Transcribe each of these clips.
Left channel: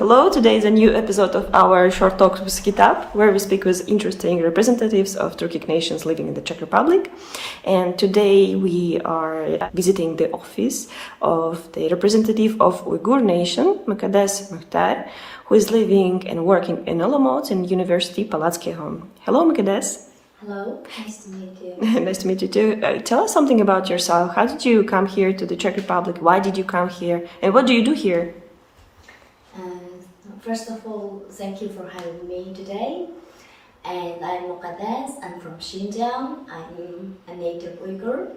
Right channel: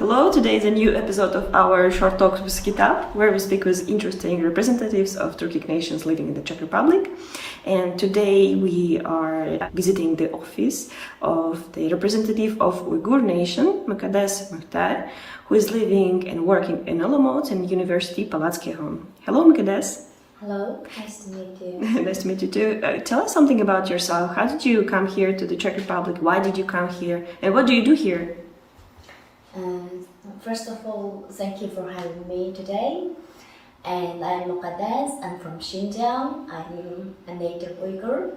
Hello, today is a new episode of our short talks with KITAP, where we speak with interesting representatives of Turkic nations living in the Czech Republic. And today we are visiting the office of the representative of Uyghur nation, Mukaddes Muhter, who is living and working in Olomouc and University of Palacky. Hello, Mukaddes. Hello, nice to meet you. Nice to meet you too. Tell us something about yourself. How did you come here to the Czech Republic? Why did you come here? And what do you do here? First of all, thank you for having me today. And I'm Mukaddes, I'm from Xinjiang, I'm a native Uyghur.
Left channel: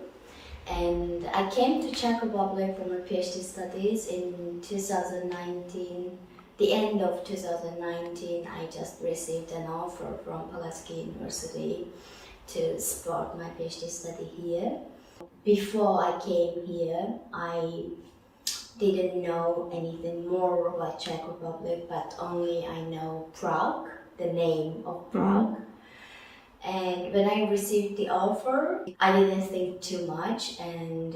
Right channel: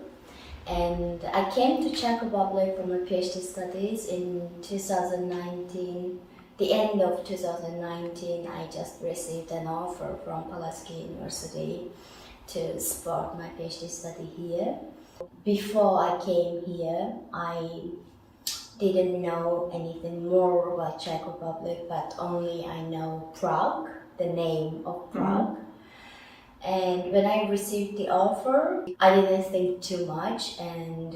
And I came to Czech Republic for my Ph.D. studies in 2019. The end of 2019, I just received an offer from Palacky University to support my Ph.D. study here. Before I came here, I didn't know anything more about Czech Republic, but only I know Prague, the name of Prague. And when I received the offer, I didn't think too much, and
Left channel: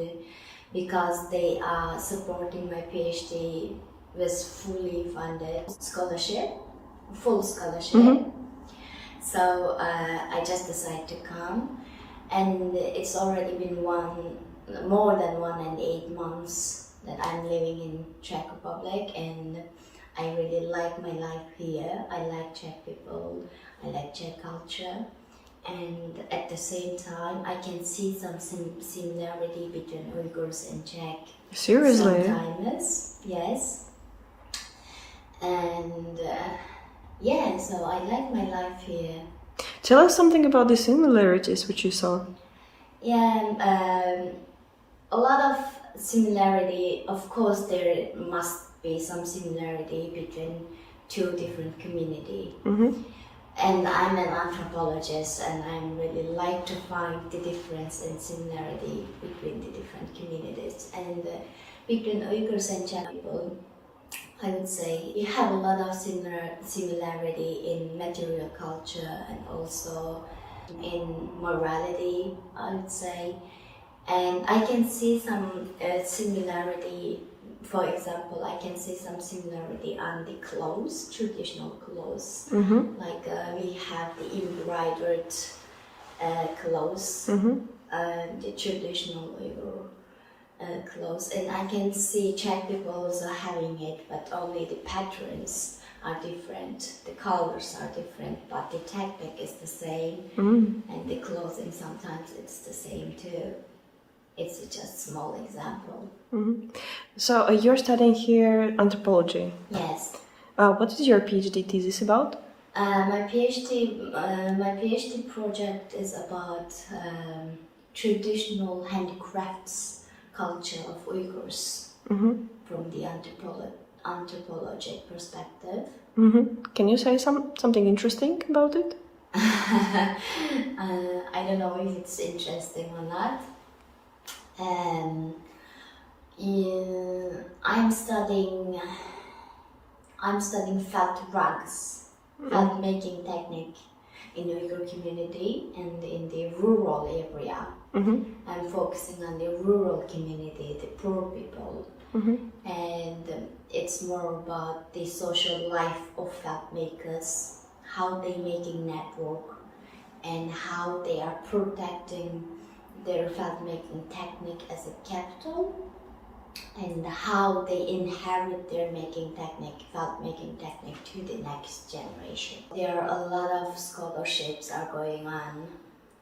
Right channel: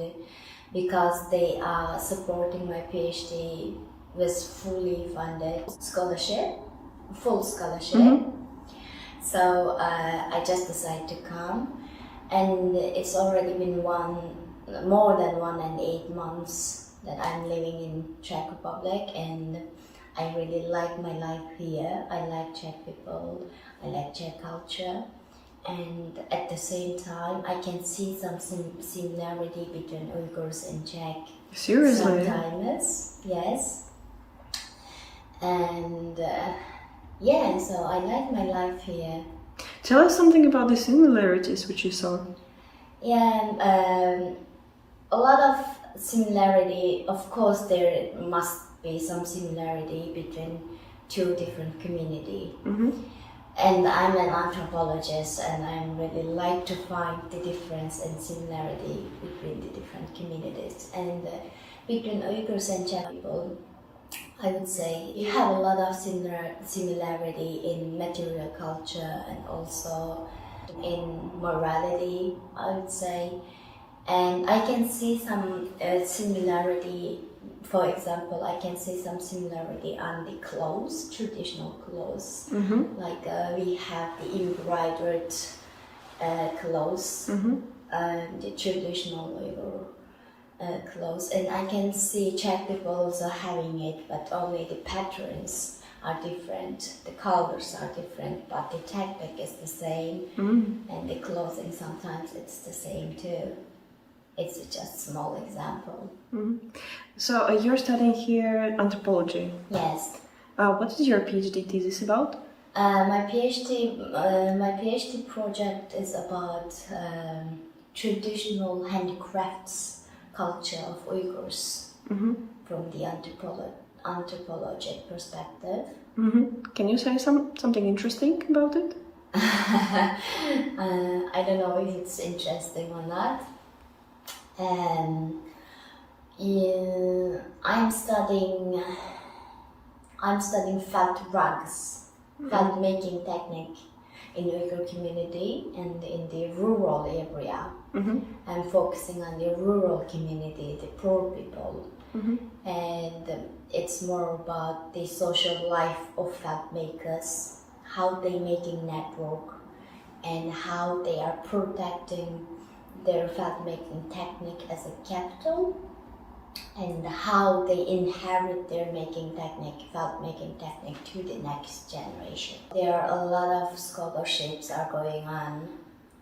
because they are supporting my PhD with fully funded scholarship, full scholarship. So I just decided to come, and it's already been more than 1 and 8 months that I'm living in Czech Republic, and I really like my life here. I like Czech people, I like Czech culture, and at the same time I can see some similarity between Uyghurs and Czech. Seriously? Sometimes, yes. And yeah, so I like my life here. Tell us something about the similarities which you saw. Yeah, a lot of similarity. Of course, there must be some similarity between two different communities. And I'm an anthropologist, and I really like to find the difference and similarity between the different communities. And between Uyghurs and Czech people, I would say you have a lot of similarity in material culture and also in morality, I would say. And I can see some similarity. For example, I can see some similarity on the clothes, traditional clothes. Like we have the embroidered clothes, the traditional Uyghur clothes. And I can see Czech people also having it, but only the patterns are different, the colors are different, but the technique is the same. And the clothing sometimes it's the same too. It's just a small example. So you're studying here anthropology. Yes. What is your PhD thesis about? My PhD project is about traditional handicrafts culture of Uyghurs from the anthropologic perspective. Can you say something interesting about it? I don't know if it's interesting or not. I'm studying felt rugs, felt making technique in Uyghur community and in the rural area. I'm focusing on the rural community, the poor people, and it's more about the social life of felt makers, how they making network, and how they are protecting their felt making technique as a capital, and how they inherit their felt making technique to the next generation. There are a lot of scholarships are going on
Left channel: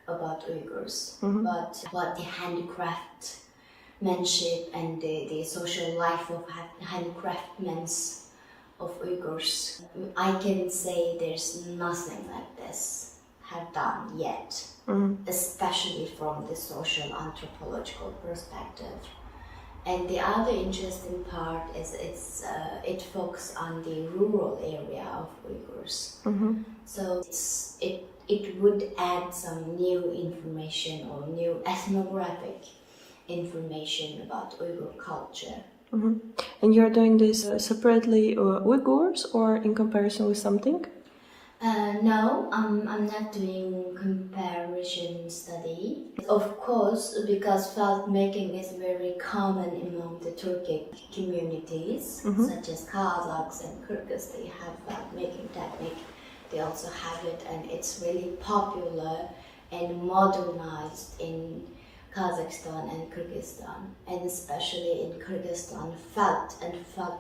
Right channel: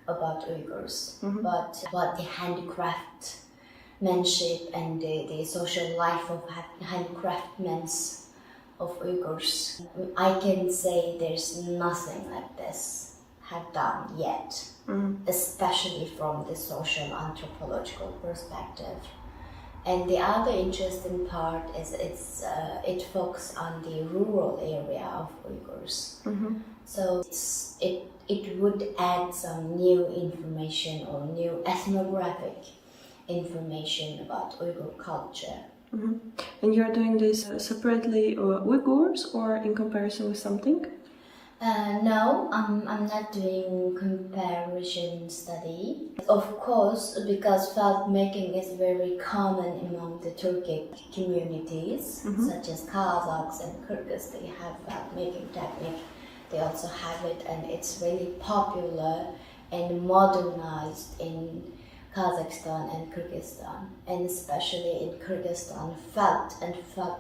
about Uyghurs, but about the handicraftmanship and the social life of handicraftsmen of Uyghurs, I can say there's nothing like this have done yet, especially from the social anthropological perspective. And the other interesting part is it focuses on the rural area of Uyghurs. So it would add some new information or new ethnographic information about Uyghur culture. And you're doing this separately Uyghurs or in comparison with something? No, I'm not doing comparison study. Of course, because felt making is very common among the Turkic communities, such as Kazakhs and Kyrgyz, they have felt making technique. They also have it, and it's really popular and modernized in Kazakhstan and Kyrgyzstan, and especially in Kyrgyzstan, felt and felt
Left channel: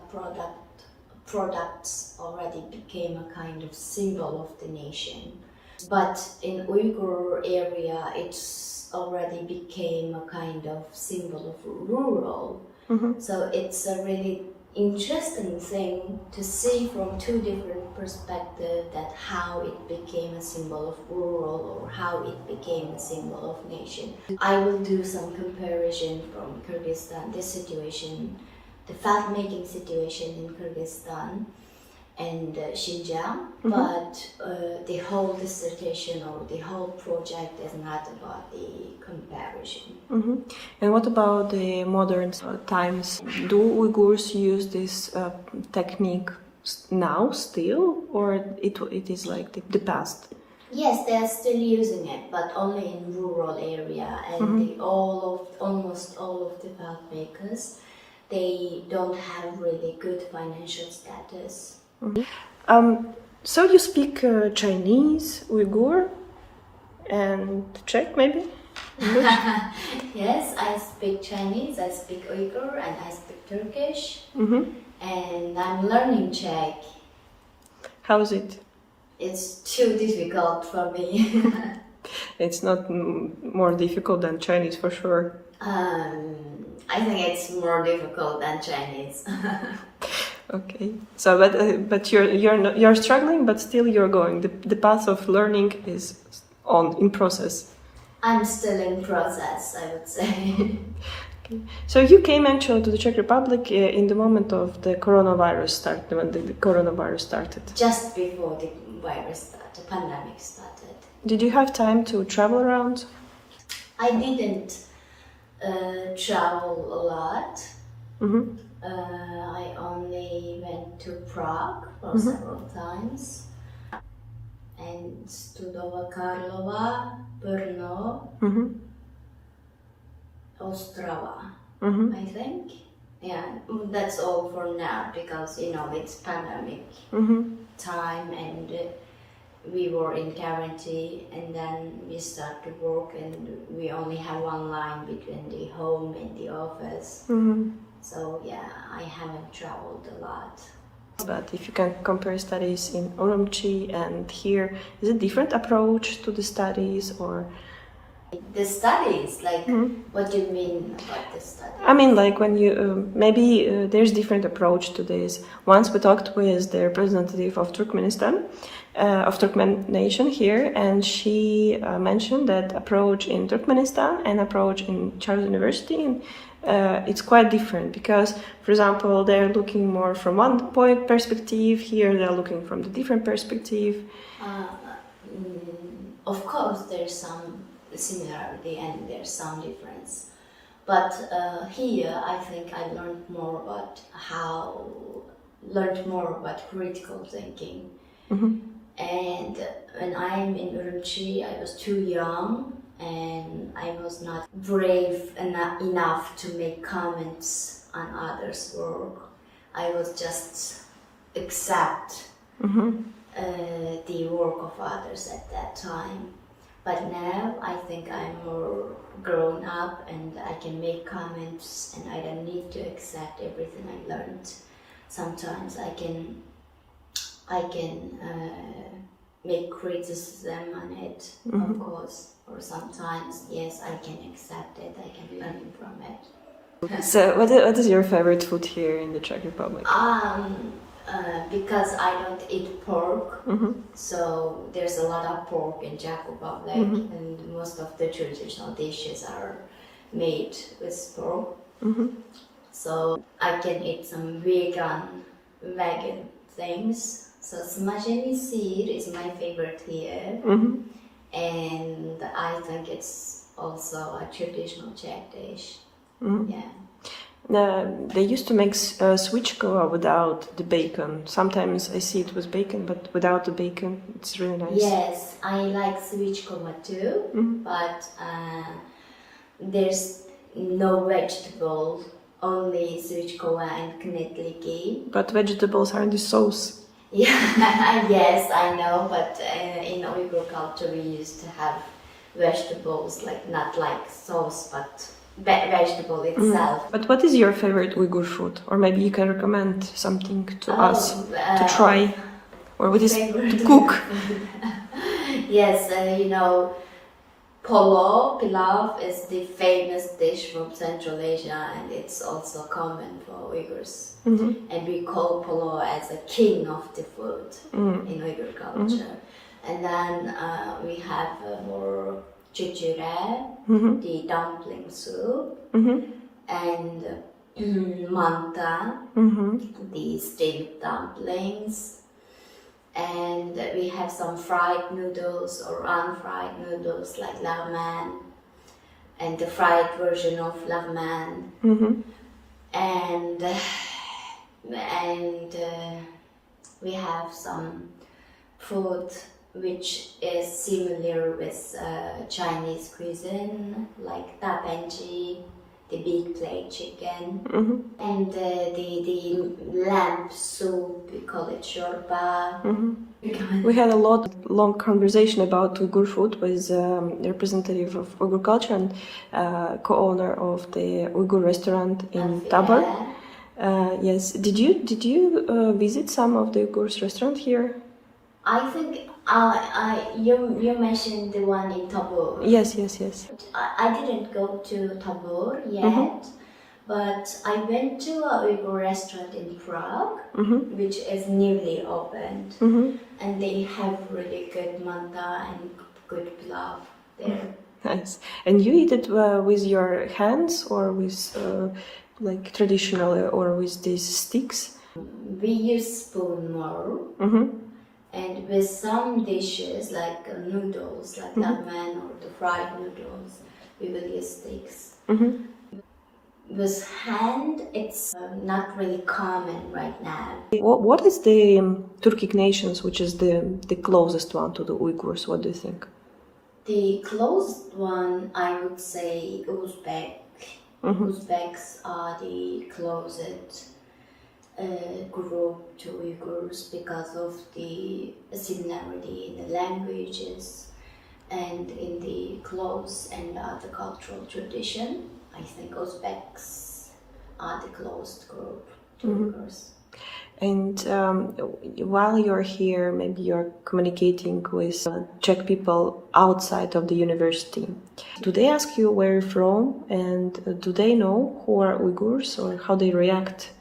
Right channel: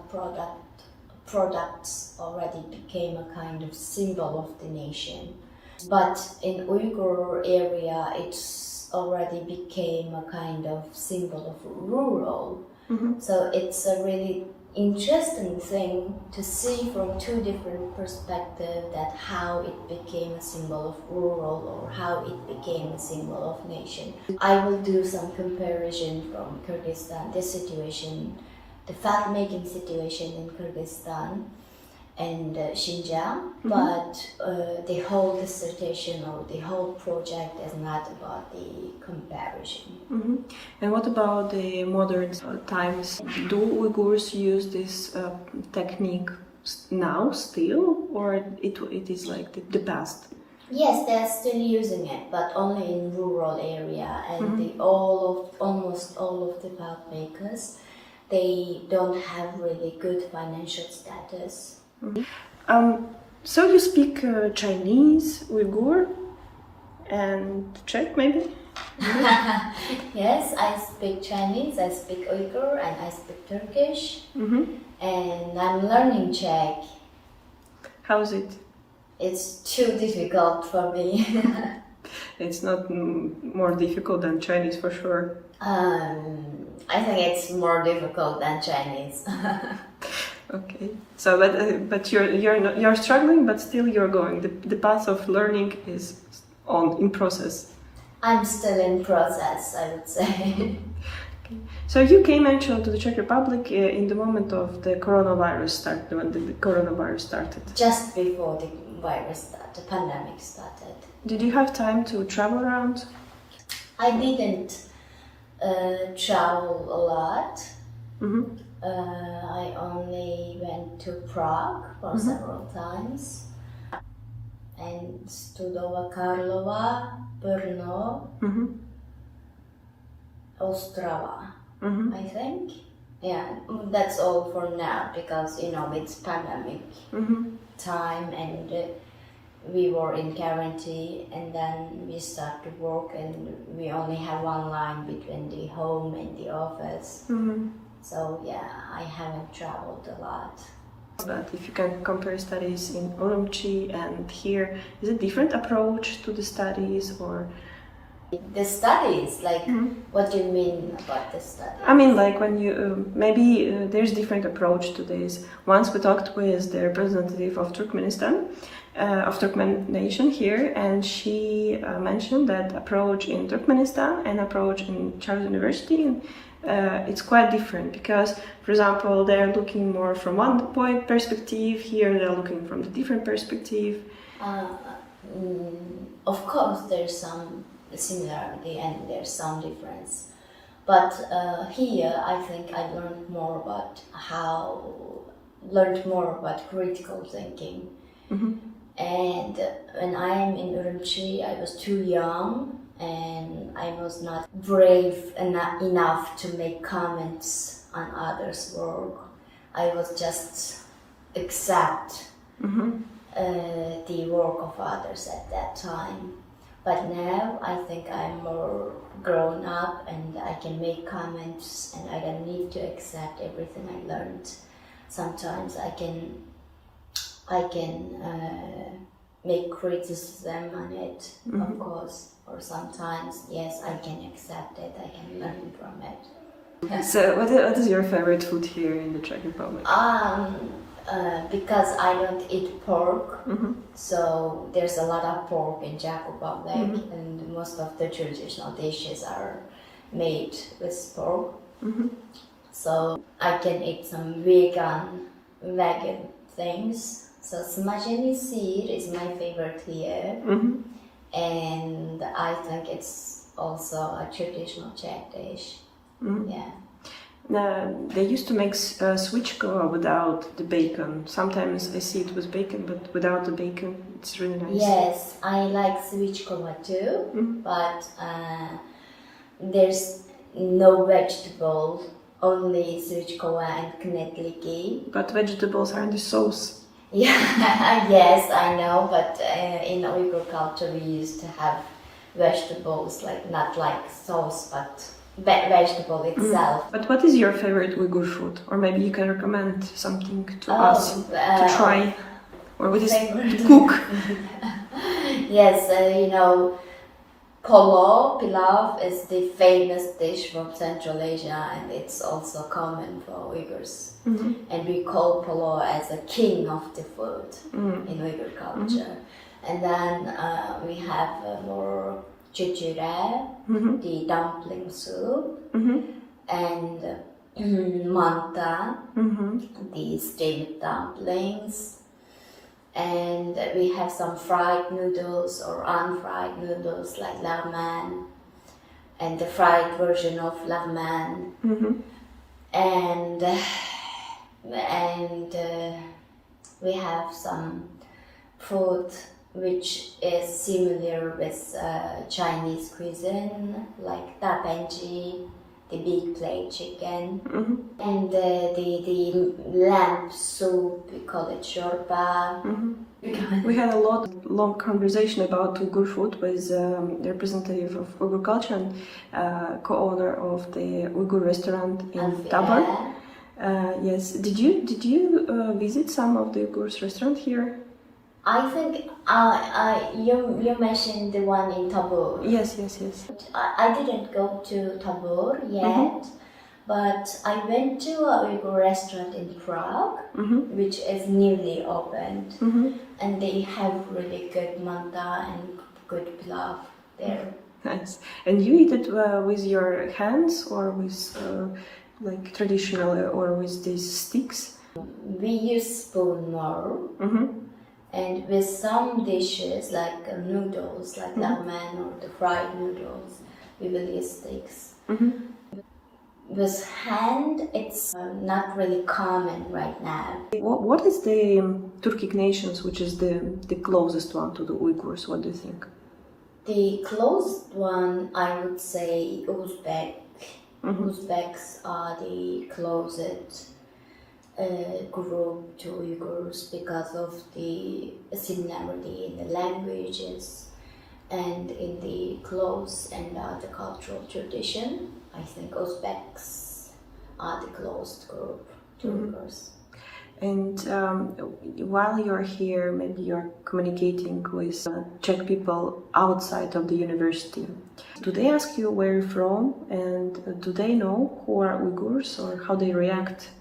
products already became a kind of symbol of the nation. But in Uyghur area, it's already became a kind of symbol of rural. So it's a really interesting thing to see from two different perspectives that how it became a symbol of rural or how it became a symbol of nation. I will do some comparison from Kyrgyzstan, this situation, the felt making situation in Kyrgyzstan and Xinjiang, but the whole dissertation or the whole project is not about the comparison. And what about the modern times? Do Uyghurs use this technique now still, or it is like the past? Yes, they are still using it, but only in rural area, and almost all of the felt makers, they don't have really good financial status. So you speak Chinese, Uyghur, and Czech, maybe? Yes, I speak Chinese, I speak Uyghur, and I speak Turkish, and I'm learning Czech. How's it? It's too difficult for me. It's not more difficult than Chinese for sure. I think it's more difficult than Chinese. Okay. So, but you're struggling, but still you're going. The path of learning is in process. I'm still in process, I would say. Okay. So you came actually to the Czech Republic in the moment of the coronavirus started, when the coronavirus started. Just before the pandemic started. Did you have time to travel around? I didn't travel a lot. I only went to Prague for several times, and Studova Karlova, Brno, Ostrava, I think. Yeah, that's all for now because it's pandemic time and we were in quarantine, and then we start to work and we only have one line between the home and the office. So yeah, I haven't traveled a lot. But if you can compare studies in Urumqi and here, is it a different approach to the studies or? The studies, like what do you mean about the studies? I mean, like when you maybe there's different approach to this. Once we talked with the representative of Turkmenistan, of Turkmen nation here, and she mentioned that approach in Turkmenistan and approach in Charles University, it's quite different because, for example, they're looking more from one point perspective. Here, they're looking from the different perspective. Of course, there's some similarity and there's some difference, but here I think I learned more about critical thinking. And when I am in Urumqi, I was too young and I was not brave enough to make comments on others' work. I was just accept the work of others at that time. But now I think I'm more grown up and I can make comments and I don't need to accept everything I learned. Sometimes I can make criticism on it, of course, or sometimes, yes, I can accept it, I can learn from it. So what is your favorite food here in the Czech Republic? Because I don't eat pork, so there's a lot of pork in Czech Republic, and most of the traditional dishes are made with pork. So I can eat some vegan things. So smažení seed is my favorite here, and I think it's also a traditional Czech dish. Yeah. They used to make svichkova without the bacon. Sometimes I see it with bacon, but without the bacon, it's really nice. Yes, I like svichkova too, but there's no vegetable, only svichkova and knetliki. But vegetables are in the sauce. Yeah, yes, I know, but in Uyghur culture we used to have vegetables, like not like sauce, but vegetable itself. But what is your favorite Uyghur food? Or maybe you can recommend something to us to try, or with to cook. Yes, Polo Pilaf is the famous dish from Central Asia, and it's also common for Uyghurs. And we call Polo as a king of the food in Uyghur culture. And then we have more chichure, the dumpling soup, and manta, the steamed dumplings. And we have some fried noodles or unfried noodles like lagman, and the fried version of lagman. And we have some food which is similar with Chinese cuisine, like tapenji, the big plate chicken, and the lamb soup, we call it shorba. We had a long conversation about Uyghur food with representative of Uyghur culture and co-owner of the Uyghur restaurant in Tabor. Yes, did you visit some of the Uyghur's restaurant here? I think you mentioned the one in Tabor. Yes. I didn't go to Tabor yet, but I went to a Uyghur restaurant in Prague, which is newly opened, and they have really good manta and good pilaf there. Nice. And you eat it with your hands or with like traditionally or with these sticks? We use spoon more. And with some dishes like noodles, like lagman or the fried noodles, we will use sticks. With hand, it's not really common right now. What is the Turkic nations, which is the closest one to the Uyghurs? What do you think? The closest one, I would say Uzbek. Uzbeks are the closest group to Uyghurs because of the similarity in the languages and in the clothes and the cultural tradition. I think Uzbeks are the closest group to Uyghurs. And while you're here, maybe you're communicating with Czech people outside of the university. Do they ask you where you're from, and do they know who are Uyghurs or how they react?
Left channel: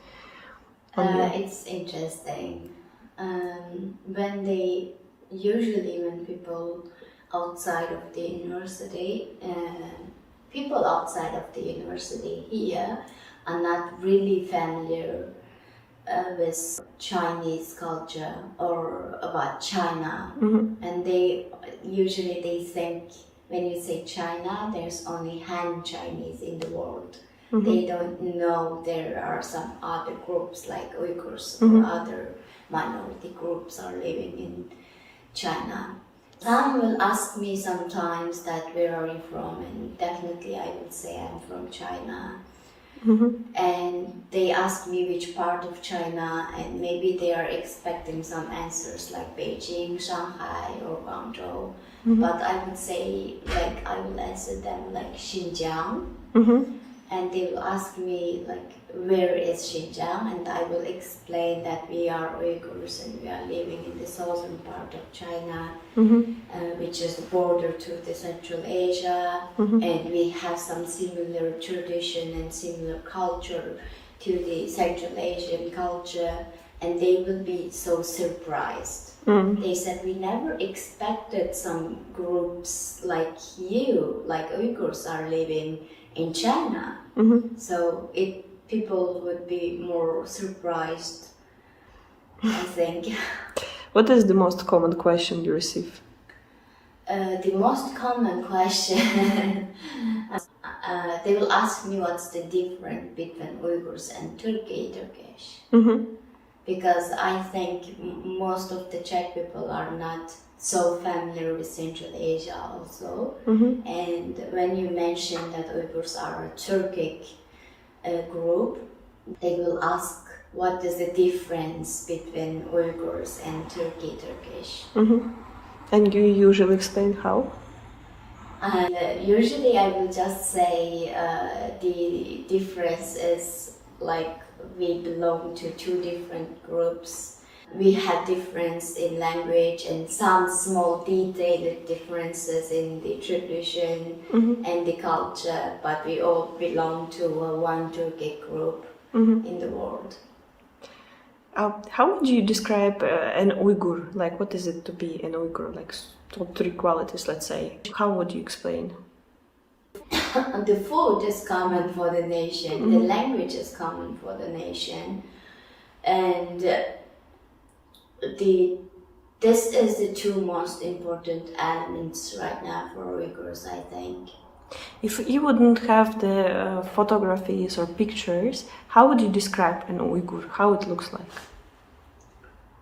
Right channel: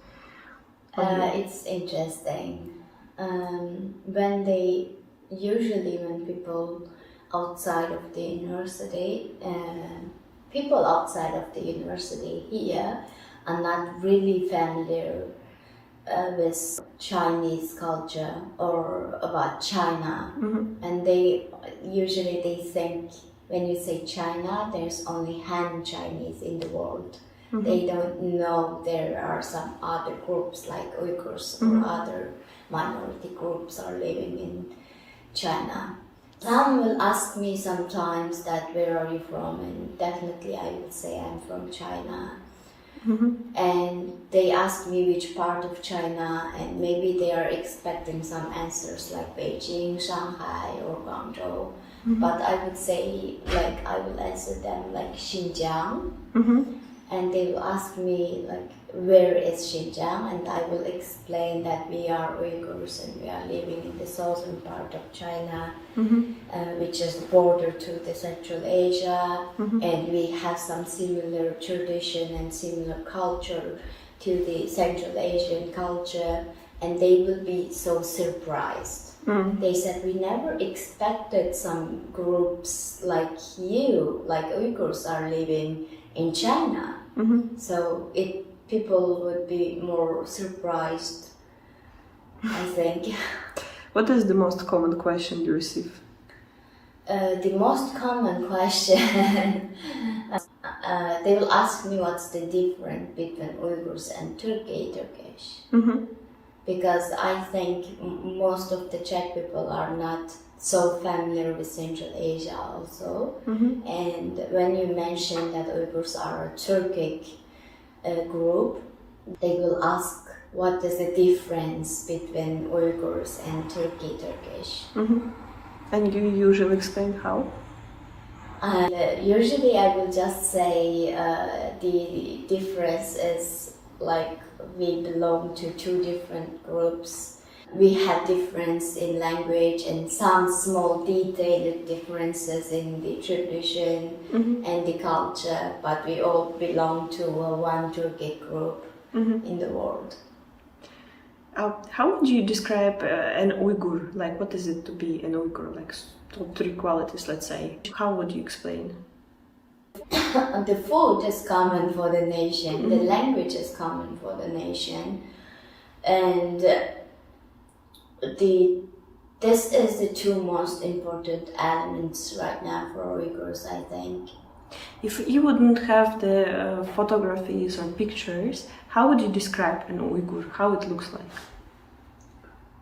It's interesting. When people outside of the university, people outside of the university here are not really familiar with Chinese culture or about China, and they think when you say China, there's only Han Chinese in the world. They don't know there are some other groups like Uyghurs or other minority groups are living in China. Some will ask me sometimes that where are you from, and definitely I will say I'm from China. And they ask me which part of China, and maybe they are expecting some answers like Beijing, Shanghai or Guangzhou. But I would say, like, I will answer them like Xinjiang. And they will ask me like, where is Xinjiang? And I will explain that we are Uyghurs and we are living in the southern part of China, which is the border to the Central Asia, and we have some similar tradition and similar culture to the Central Asian culture, and they will be so surprised. They said, we never expected some groups like you, like Uyghurs, are living in China. So people would be more surprised, I think. What is the most common question you receive? The most common question they will ask me what's the difference between Uyghurs and Turkish. Because I think most of the Czech people are not so familiar with Central Asia also. And when you mention that Uyghurs are a Turkic group, they will ask what is the difference between Uyghurs and Turkish. And you usually explain how? Usually I will just say the difference is like we belong to two different groups. We have difference in language and some small detailed differences in the tradition and the culture, but we all belong to one Turkic group in the world. How would you describe an Uyghur? Like, what is it to be an Uyghur? Like, top 3 qualities, let's say. How would you explain? The food is common for the nation, the language is common for the nation, and this is the two most important elements right now for Uyghurs, I think. If you wouldn't have the photographies or pictures, how would you describe an Uyghur? How it looks like?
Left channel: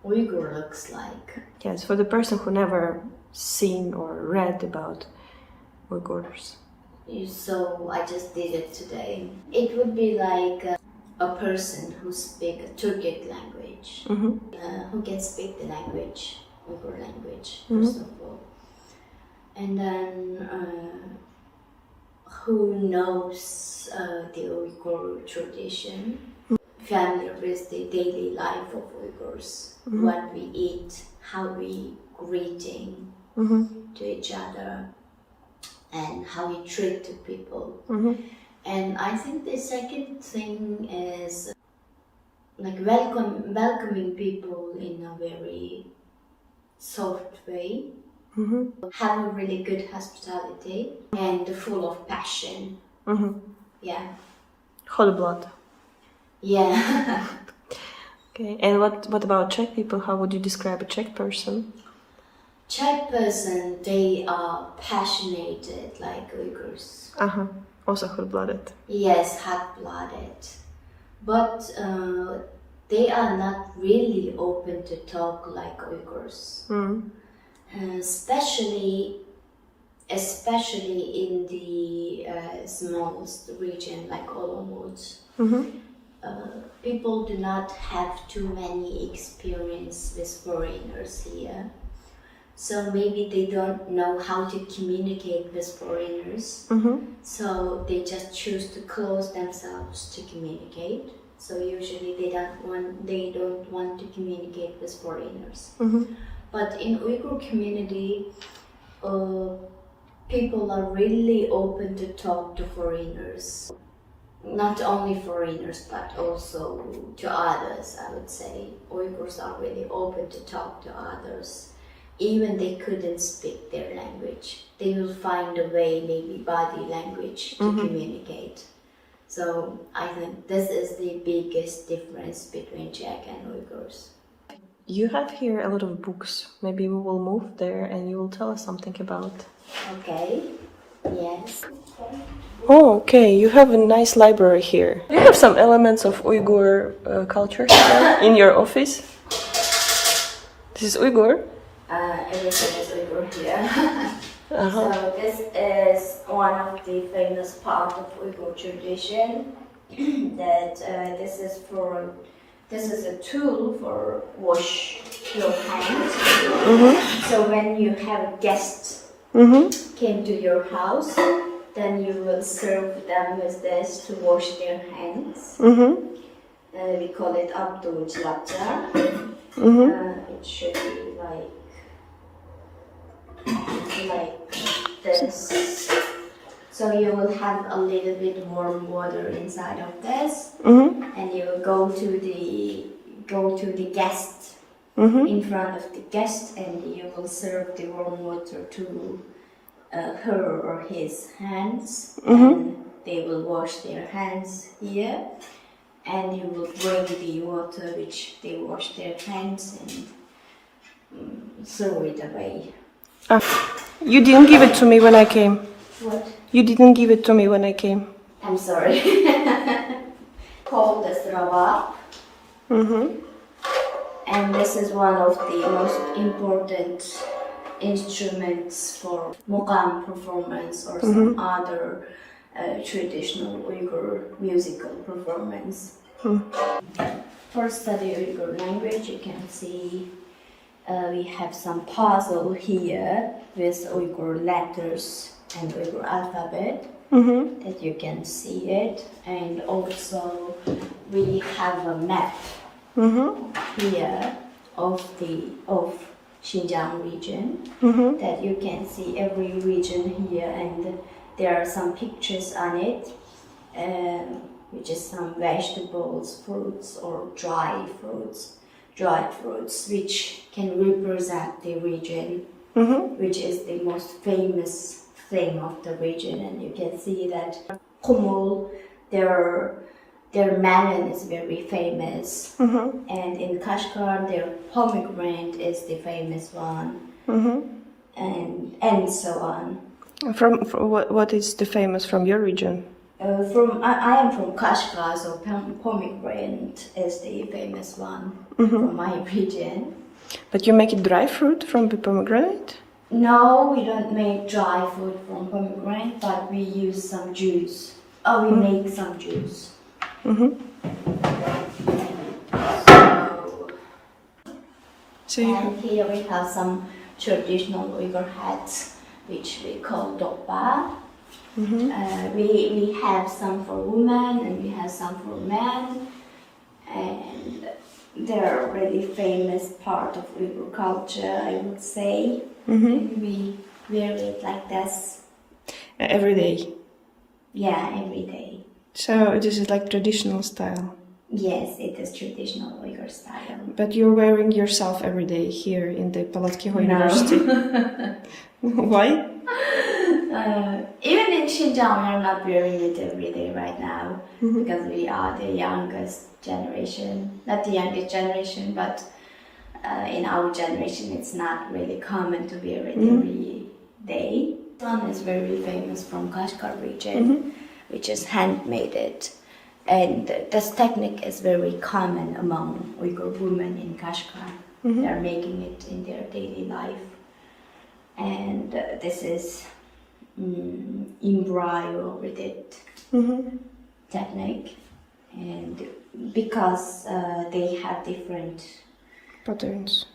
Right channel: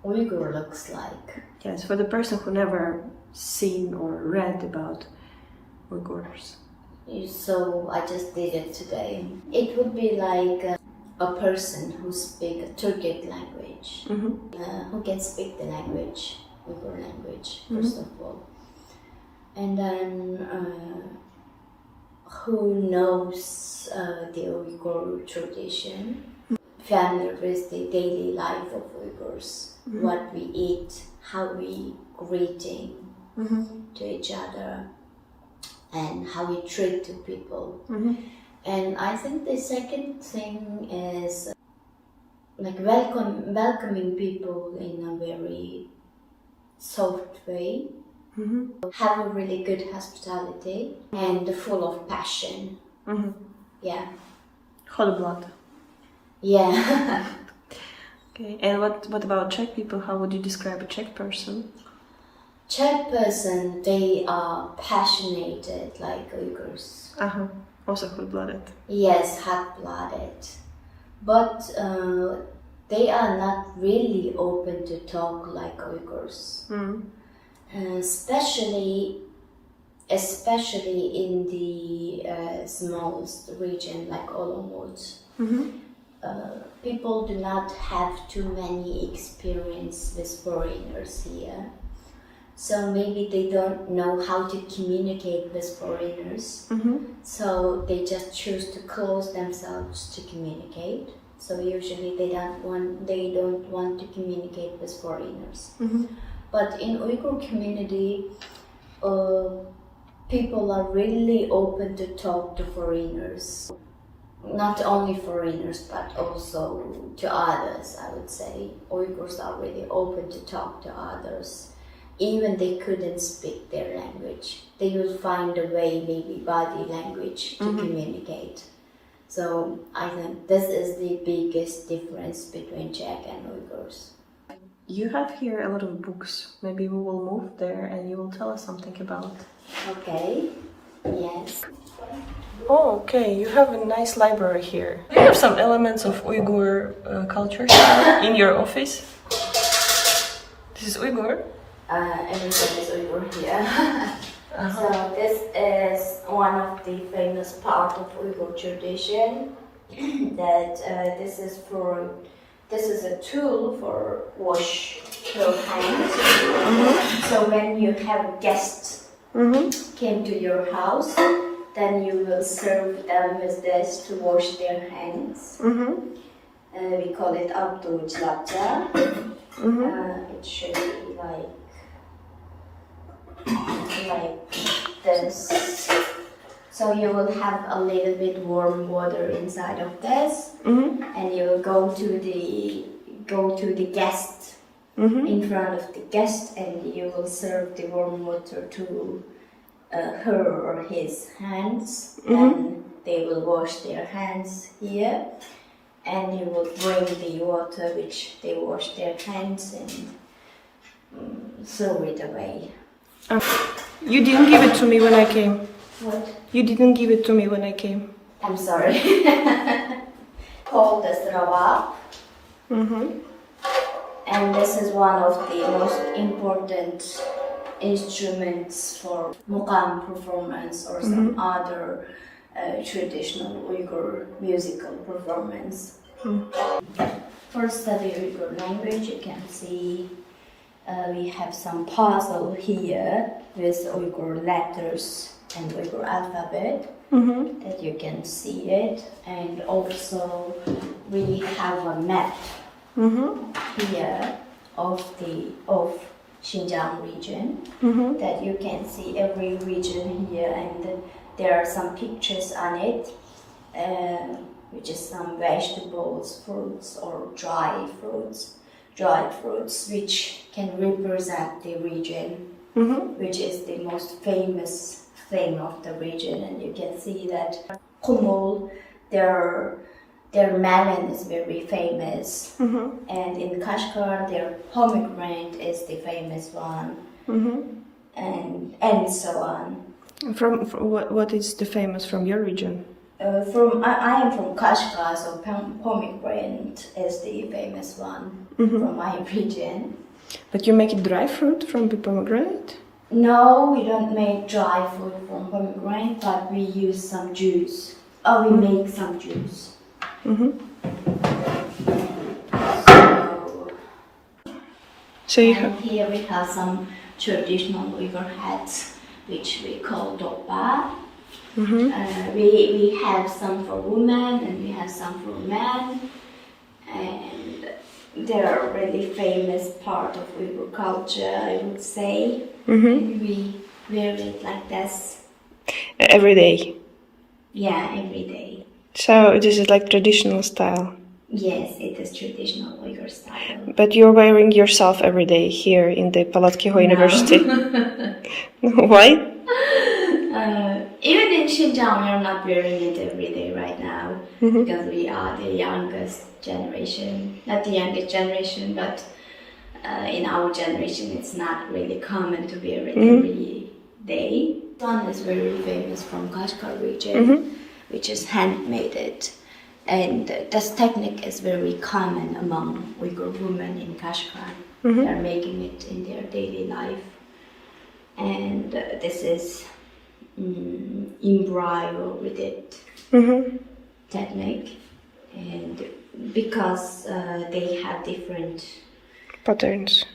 Uyghur looks like? Yes, for the person who never seen or read about Uyghurs. So I just did it today. It would be like a person who speaks a Turkic language, who can speak the language, Uyghur language, first of all. And then who knows the Uyghur tradition, familiar with the daily life of Uyghurs, what we eat, how we greeting to each other, and how we treat to people. And I think the second thing is like welcoming people in a very soft way, have a really good hospitality, and full of passion. Yeah. Whole blood. Yeah. Okay, and what about Czech people? How would you describe a Czech person? Czech person, they are passionate like Uyghurs. Also hot-blooded. Yes, hot-blooded. But they are not really open to talk like Uyghurs. Especially in the smallest region like Olomouc. People do not have too many experience with foreigners here. So maybe they don't know how to communicate with foreigners. So they just choose to close themselves to communicate. So usually they don't want to communicate with foreigners. But in Uyghur community, people are really open to talk to foreigners. Not only foreigners, but also to others, I would say. Uyghurs are really open to talk to others. Even they couldn't speak their language, they will find a way, maybe body language, to communicate. So I think this is the biggest difference between Czech and Uyghurs. You have here a lot of books. Maybe we will move there and you will tell us something about. Okay, yes. Oh, okay, you have a nice library here. Do you have some elements of Uyghur culture here in your office? This is Uyghur? Everything is Uyghur here. So this is one of the famous part of Uyghur tradition. That this is a tool for wash your hands. So when you have guests came to your house, then you will serve them with this to wash their hands. We call it Untitled Chapter. It should be like this. So you will have a little bit warm water inside of this, and you will go to the guest in front of the guest, and you will serve the warm water to her or his hands. Then they will wash their hands here, and you will bring the water which they wash their hands and throw it away. You didn't give it to me when I came. What? You didn't give it to me when I came. I'm sorry, called the Ravak. And this is one of the most important instruments for mukam performance or some other traditional Uyghur musical performance. For study Uyghur language, you can see we have some puzzle here with Uyghur letters and Uyghur alphabet that you can see it, and also we have a map here of Xinjiang region that you can see every region here, and there are some pictures on it, which is some vegetables, fruits, or dried fruits, which can represent the region, which is the most famous thing of the region. And you can see that Kumul, their melon is very famous, and in Kashgar their pomegranate is the famous one, and so on. From what is the famous from your region? I am from Kashgar, so pomegranate is the famous one from my region. But you make it dry fruit from the pomegranate? No, we don't make dry fruit from pomegranate, but we use some juice. We make some juice. And here we have some traditional Uyghur hats, which we call dopa. We have some for women and we have some for men, and they're a really famous part of Uyghur culture, I would say. And we wear it like this. Every day? Yeah, every day. So this is like traditional style? Yes, it is traditional Uyghur style. But you're wearing yourself every day here in the Palacky University? Why? Even in Xinjiang, we are not wearing it every day right now because we are the youngest generation. Not the youngest generation, but in our generation, it's not really common to wear it every day. One is very famous from Kashgar region, which is handmade. And this technique is very common among Uyghur women in Kashgar. They are making it in their daily life. And this is embryo with it technique, and because they have different patterns.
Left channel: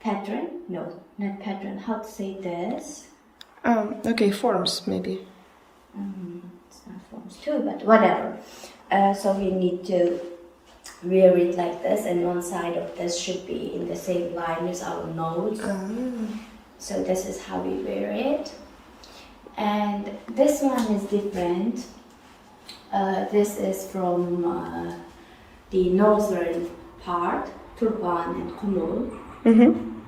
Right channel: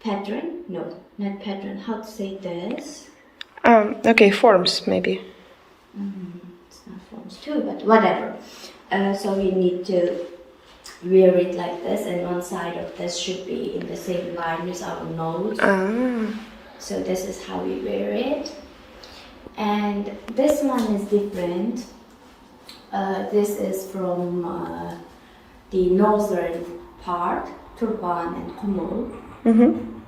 Pattern? No, not pattern. How to say this? Okay, forms maybe. It's not forms too, but whatever. So we need to wear it like this, and one side of this should be in the same line as our nose. So this is how we wear it. And this one is different. This is from the northern part, Turban and Kumul.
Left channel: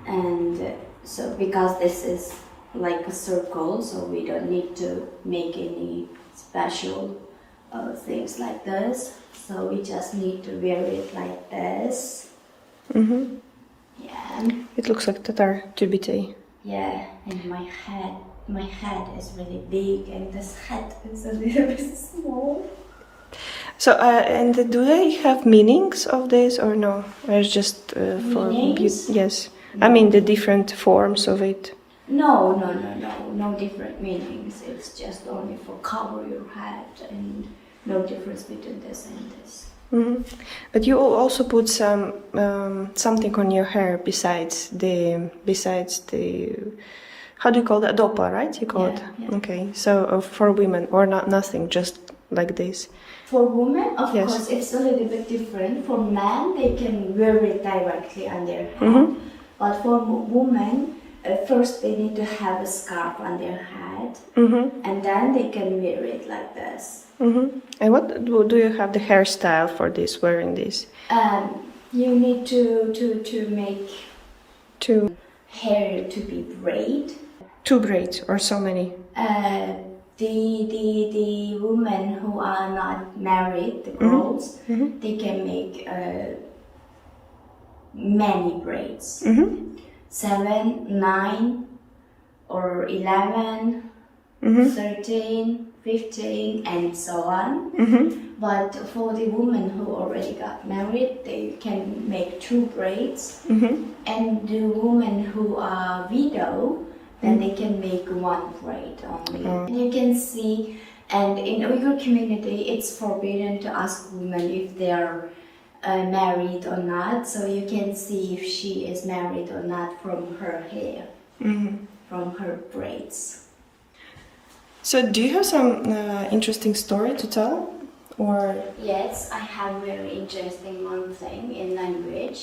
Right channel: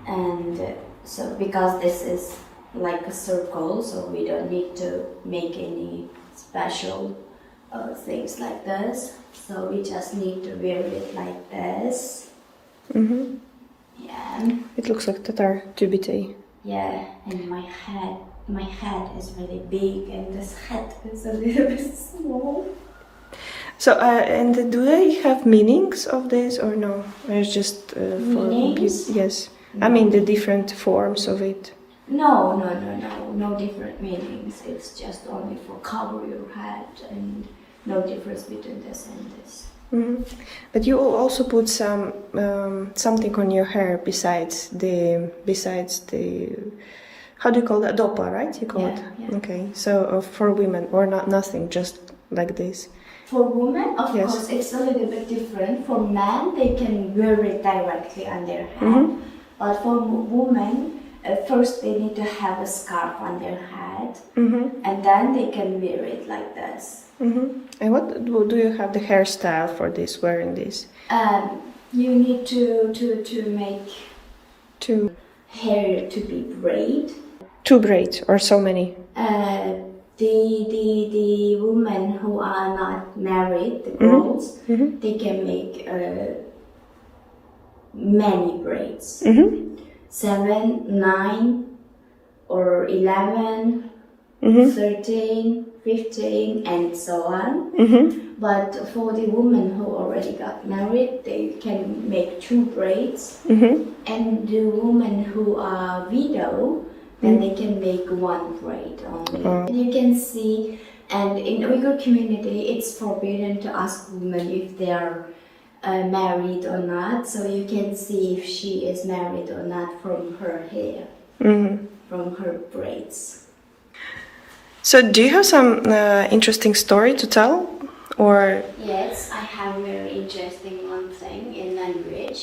And so because this is like a circle, so we don't need to make any special things like this. So we just need to wear it like this. Yeah. It looks like Tatar Tibete. Yeah, and my head is really big, and this hat is a little bit small. So, and do they have meanings of this or no? Or it's just for yes. No. I mean the different forms of it. No different meanings. It's just only for cover your head, and no difference between this and this. But you also put some something on your hair besides the how do you call that, dopa, right? You call it. Yeah. Okay, so for women or not, nothing, just like this. For women, of course, it's a little bit different. For men, they can wear it directly on their head, but for women, first they need to have a scarf on their head, and then they can wear it like this. And what do you have the hairstyle for this, wearing this? You need to make hair to be braid. 2 braids or so many? The women who are not married, the girls, they can make many braids. 7, 9, or 11, 13, 15, and so on. But for the women who already got married, they can make 2 braids. And the women who are widow, then they can make 1 braid only. And you can see, and in Uyghur community, it's forbidden to ask women if they are married or not. So you can see if she is married or not from her hair, from her braids. So, do you have some interesting story to tell, or? Yes, I have a very interesting one thing in language.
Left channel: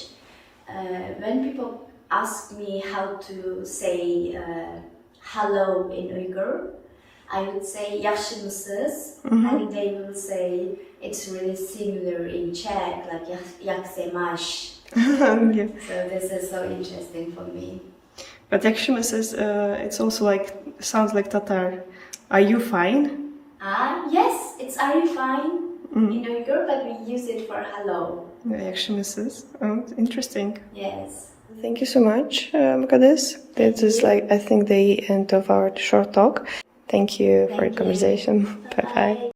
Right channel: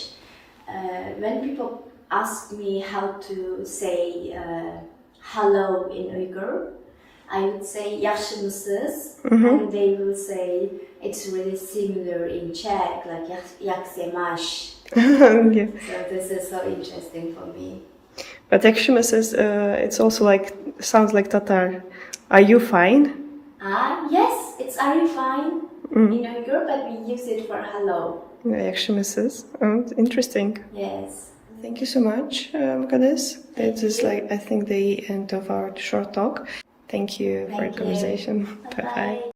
When people ask me how to say hello in Uyghur, I would say "Yaxşı mısınız?" and they will say it's really similar in Czech, like "Jak se máš?" Yeah. So this is so interesting for me. But "Yaxşı mısınız," it's also like, sounds like Tatar. Are you fine? Yes, it's "Are you fine?" in Uyghur, but we use it for hello. "Yaxşı mısınız?" Interesting. Yes. Thank you so much, Mukaddes. That is like, I think, the end of our short talk. Thank you for the conversation. Bye bye.